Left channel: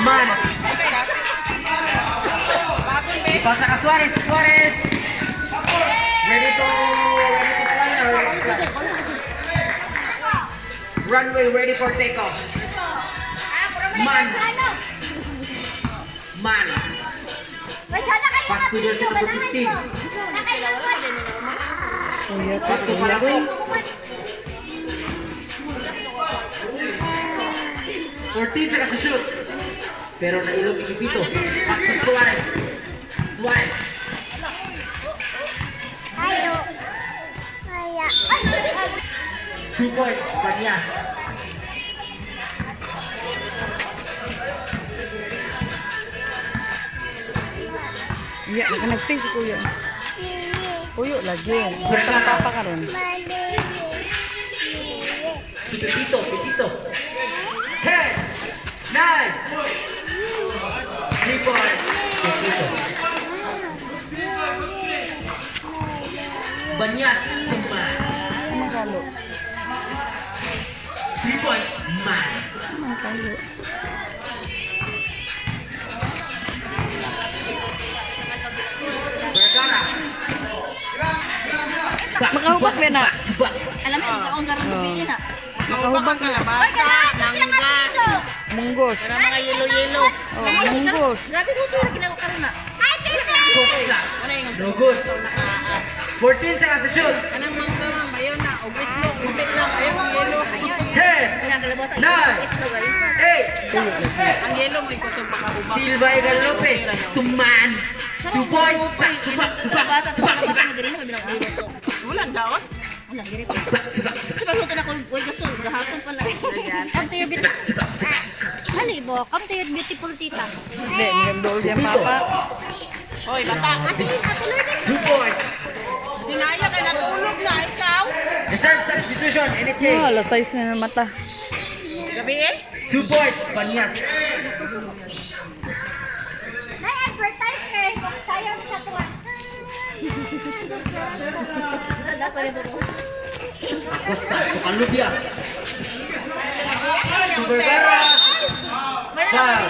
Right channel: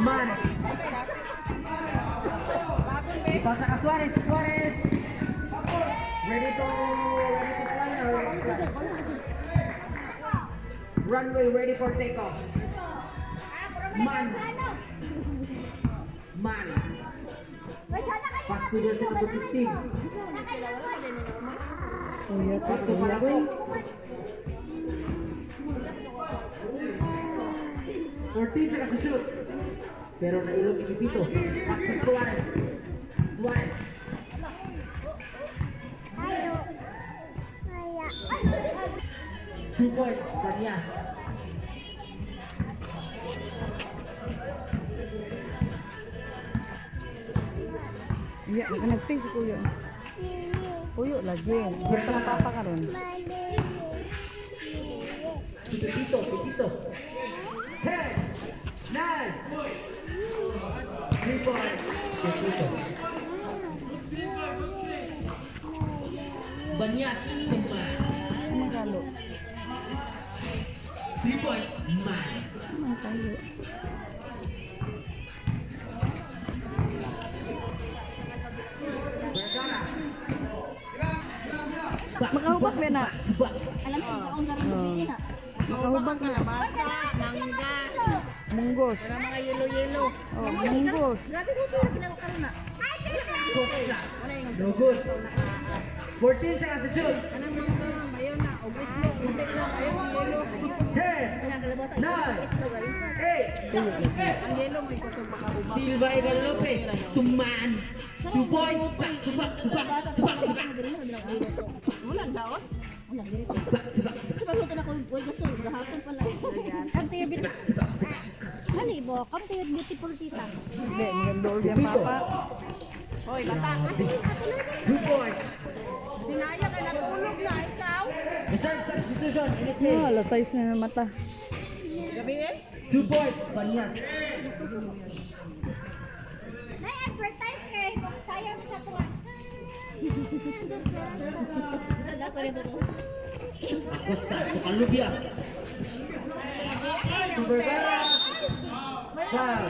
Man. Ipasa ka Suarez. Suarez. Ready to fly or runway ready for takeoff. Man. Man. Pass to jersey number 15. Pass to Palaco. 14 saka sa shoot. Pero nailog ikipito. Pass to Suarez. Suarez. Ayo. 2 points. Panyas. Iya, nag-face ko yun. Puyo lagi. Pero papa ka ron. Pipito. 10, 9, 3 points. Pipito. Banyas. Man. Ano kalo? 3 points. Man. Ano kalo? Vergara. Makahubak ba na? Alam mo, ikaw ang garang bumili na. Makahubak na. Basa, mangga, Munggos. para mga yelo-yelo. Oh, munggos. Grabe ko sila ginagawa ka na. Ay, tita! Costa. No good. 14 seconds to shoot. Anong mangga, ma'am? Ayaw na. Ubit lang. Ayaw ang yelo. 10, Nagalabas ang Nine. itlog ayun. 8. Ang yelo mo, kusog makahubak. Steal by Galope. Tuman. 2 points. Tubak. Ulan daot. Pagluto na ko, uy, gasol, gahapon pala. Come to your beautiful... Ano ibo? Come to your beautiful tita. Hindi, magandol siya papa. Hoy, bata. 2 points. Sinaya ka natulog na, ikaw. Reserve substitution. NHA. Oh, alas 6 na ng mata. Gabi eh? 2 points. Banyas. May advertise kay sayang sa tuwa. Dapat rin po. Costa. Tukalubia. Vergara. Foul.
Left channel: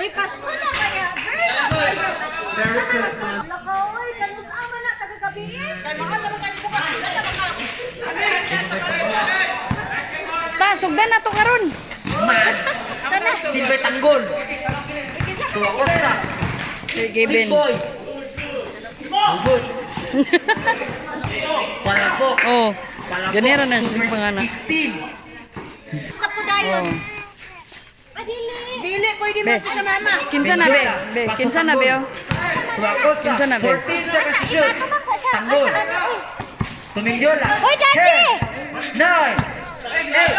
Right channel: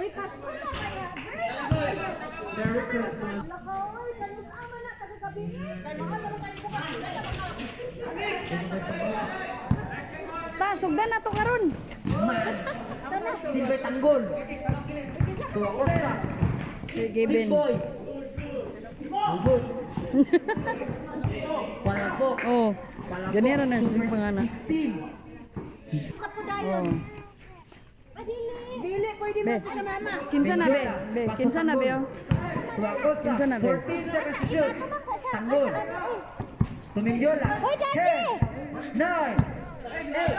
Uy, Pasko na kaya. Merry Christmas. Lakaoy, kanus ama na, tagagabiin. Ta, sugdan na to karon. Man. Sana. Steal by Tanggol. Tuwa Costa. Kay Big Gavin. boy. Good. Palapok. Oh, Palapok. ganero na sa pangalan. 15. Kapudayon. Oh. Adili. Dili, pwede mo Be, ito sa mama. kinsa na be? Be, kinsa na be? Oh. Tuwa Costa. Kinsa na, be? 14 seconds to shoot. Tanggol. Tumindyola. Hoy, Daddy! 10, 9, 8,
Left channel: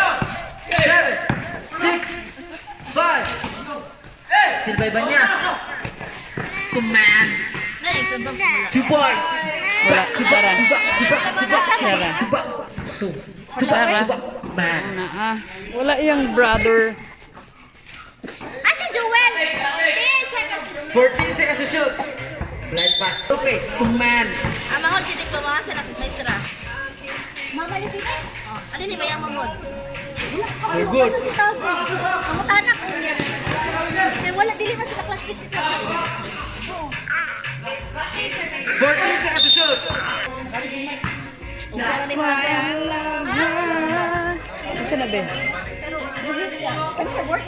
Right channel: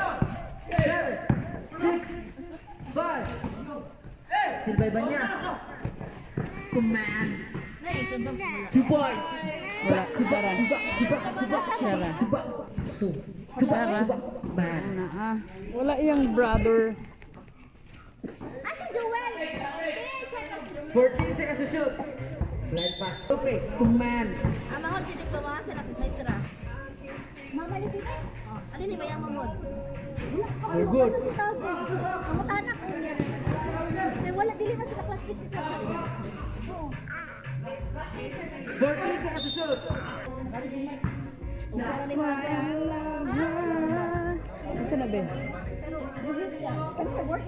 7, 6, 5. Still by Banyas. Command. 2 points. Wala, Sara. Sara. Sara. Man. Ana ah. Wala iyang brother. Ah, si Joel! 14 seconds to shoot. Blind pass. Okay. To man. Mahal si Dikto, mga siya nakamaistra. Mama ni Tita? Ano ni Bayang Mamod? You're good. Ang tanak ko niya. Kaya wala, dili na sila class 50 sa 14 seconds to shoot. That's why I love her. Kinsa na be? Ano siya, work?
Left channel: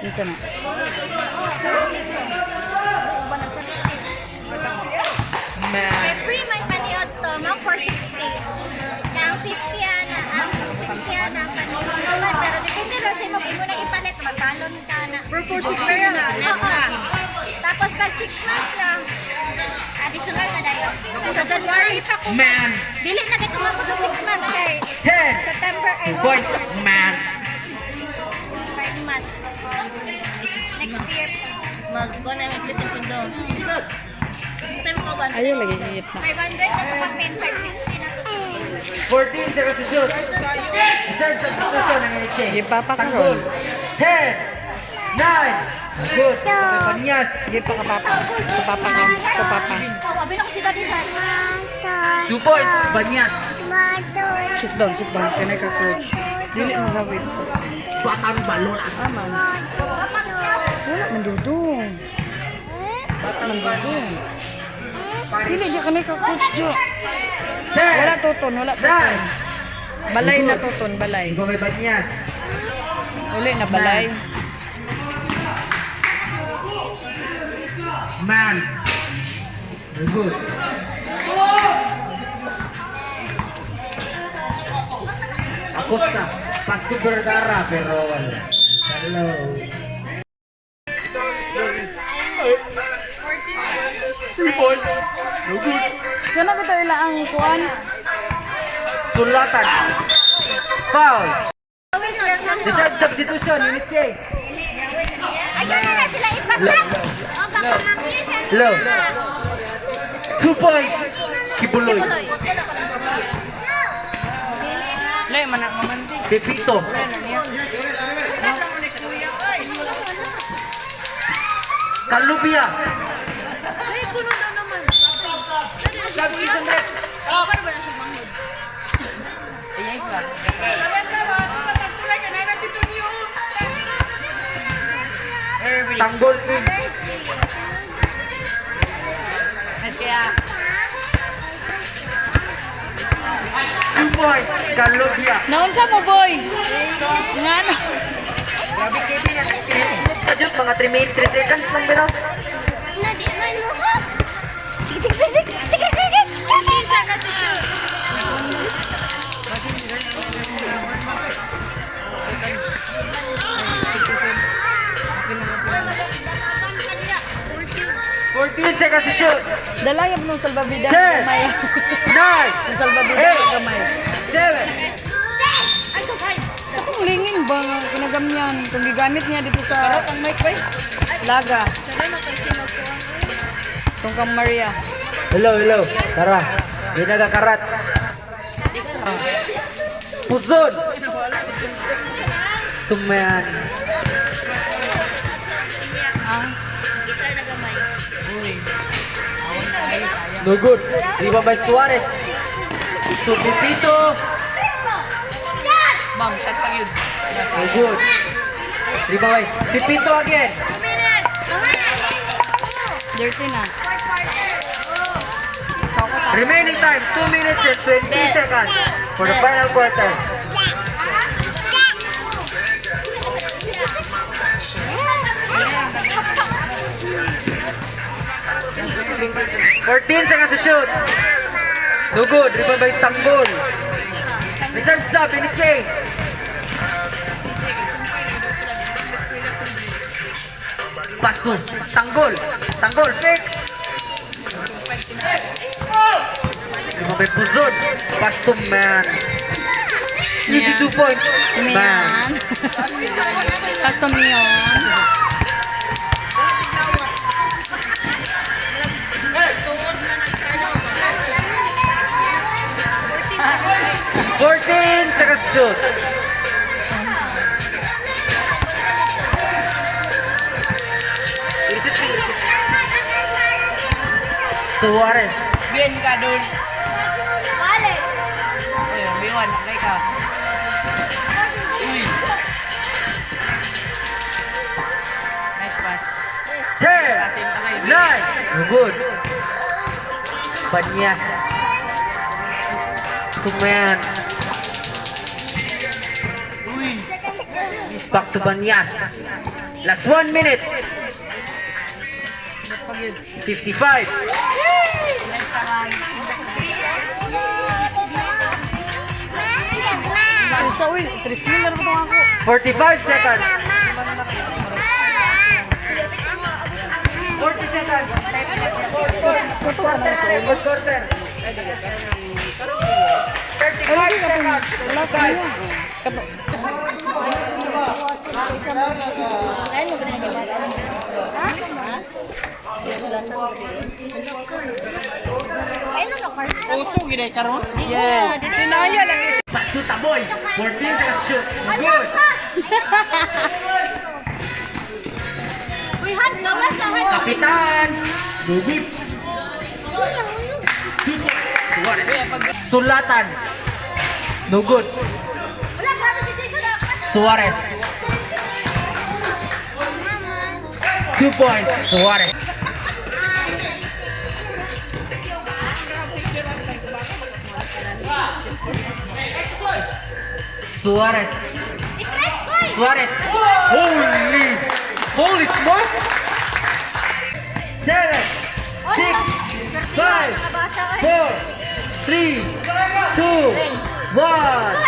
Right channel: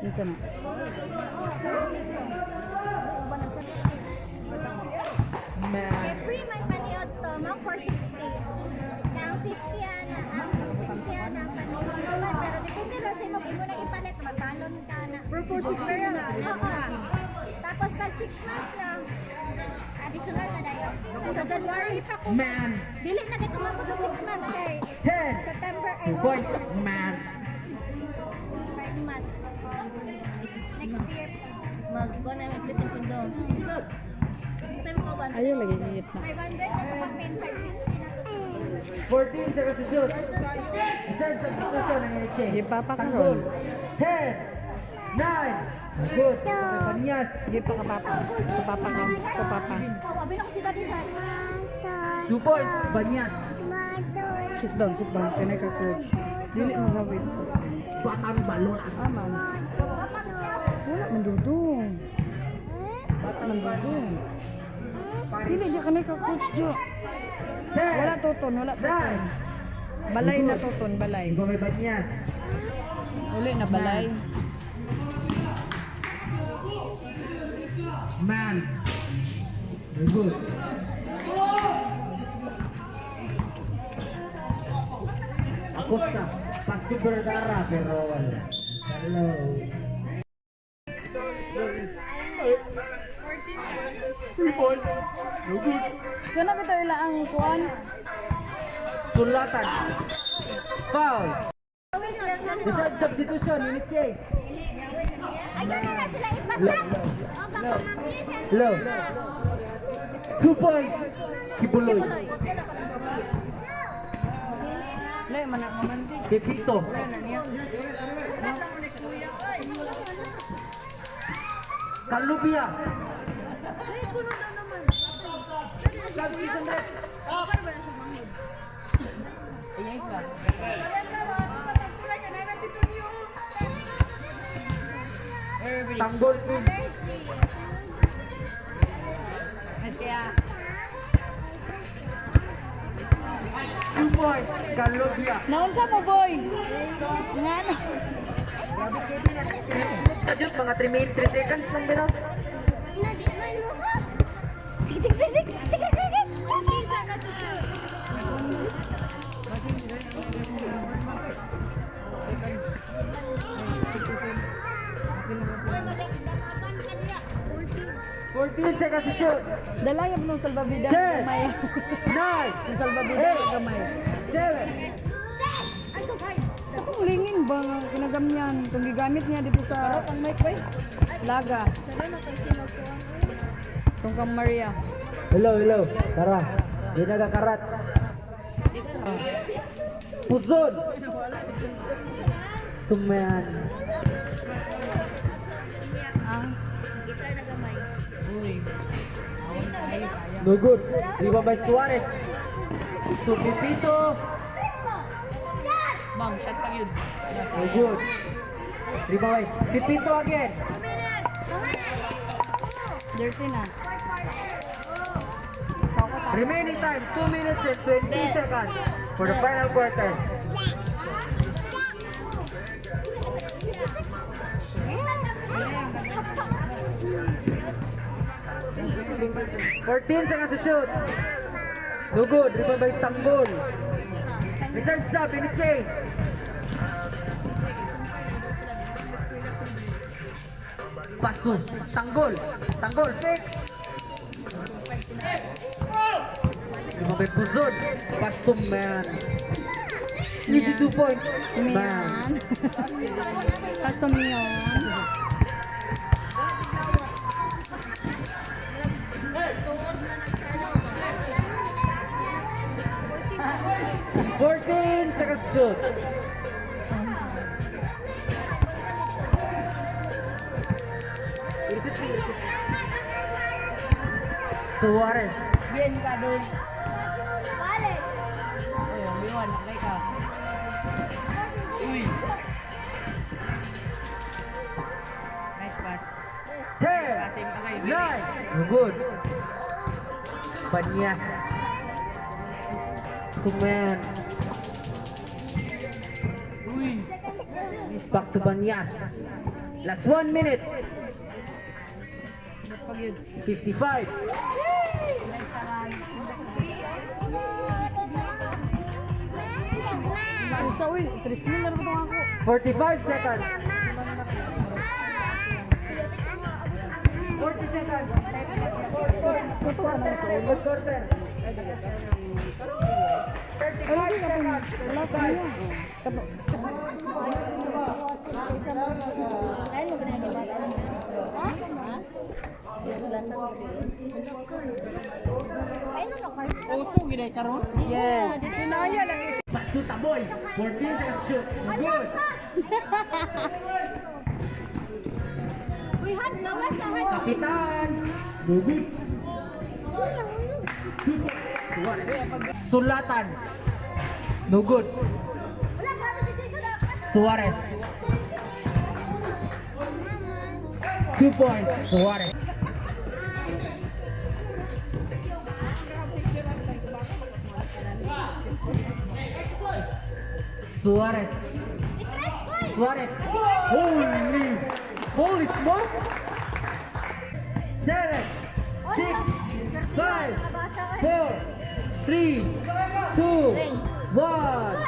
Kinsa na? Man. Free man paniod to, mga 460. Ang 50 ana, ang 60 ana ang paniod. Pero depende lang sa mo, imo na ipalit, magkalon ka na. For 4-6 na yan ah. Oo. Tapos pag 6 months lang, additional na dayo. Sa January pa ko. Man. Dili na kay kumabot ng 6 months kay 10. September ay 2 points. Man. 5 months. Next year, mag-go na may PlayStation doon. Time ko ba? Ayaw lagi iit na. 500 na to pa pen, 560 na to. 14 seconds to shoot. Reserve substitution ng NHA. Di papa ka ron. 10, 9. Good. Banyas. Di pa ka papa. Sa papa ka. Sa papa. Sabi na ko si Daddy Shark. 2 points. Banyas. Sit down, sit down. Kanay ka coach. Dili magawid. Batang balon. Aman. Wala man dudong. Wala man dudong. Dili di ka ka coach jo. Wala tuton, wala tuton. Balay na tuton, balay. Ikaw may banyas. Uli na balay. Man. Very good. Acosta. Pasto Vergara pero wala. Hello. Kana ba tayo ang kuan? Sulatan. Foul. Decide substitution. Unit check. Ayun na sila ipasat. O, baka mamili. Low. 2 points. Kibuloy. Lay man na mamanti. Pepito. Kalubia. Ay, puno na naman. Ayay ka. Tanggol in. Kaya 2 points. Kalubia. naunsa mo boy? Ngano? Grabe Kevin. Ajut mga 3 minutes 3 seconds lang bitaw. Na, di man mo ha. Tik. Minsan ka to. 14 seconds to shoot. Dalayab nung salbabida Ten. gamay. 9. Nung salbabida Eight. gamay. 7. Kung linging ba nga kinagamyan kung gigamit niya dito sa Laga. Tungkang Maria. Hello. Tara. Di nagakarat. Puzon. Tumayan. Ang No good. Riba by Suarez. To Pepito. Bang, shot pa yun. No good. Riba by Pepito again. Dirty na. Remaining time 2 minutes and 20 seconds for the final quarter. Fourteen seconds to shoot. No good. Rebound by Tanggol. Reserve sub in the chain. Pass to Tanggol. Tanggol fix. Rebound by Puzon. Pass to Man. Easy 2 points. Man. Miyan. Custom Miyan. Seconds to shoot. Suarez. Bien ka doon. Wale. Ayun, biwan. Kay ka. Uy. Nice pass. 10, Pasin pa kayo. 9. Good. Banyas. Tumayan. Uy. Back to Banyas. Last 1 minute. 55. Sa uy, 3 mil na rin ako. 45 seconds. 40 seconds. Quarter. Fourth quarter. 35 seconds. Wala ka niya. Kato. Ano ba nagibata niya? Ha? Ano ka pa? Uso ginay karon. Yes. Sinaya lang is Pass to Taboy. 14 seconds shoot. Good. Uy, han ka ba sa han? Kapitan. Good. Suarez. Sulatan. No good. Wala ka ba si Suarez. 2 points. Suarez. Suarez. Suarez. Holy smokes. 7, 6, 5, 4, 3, 2, 1.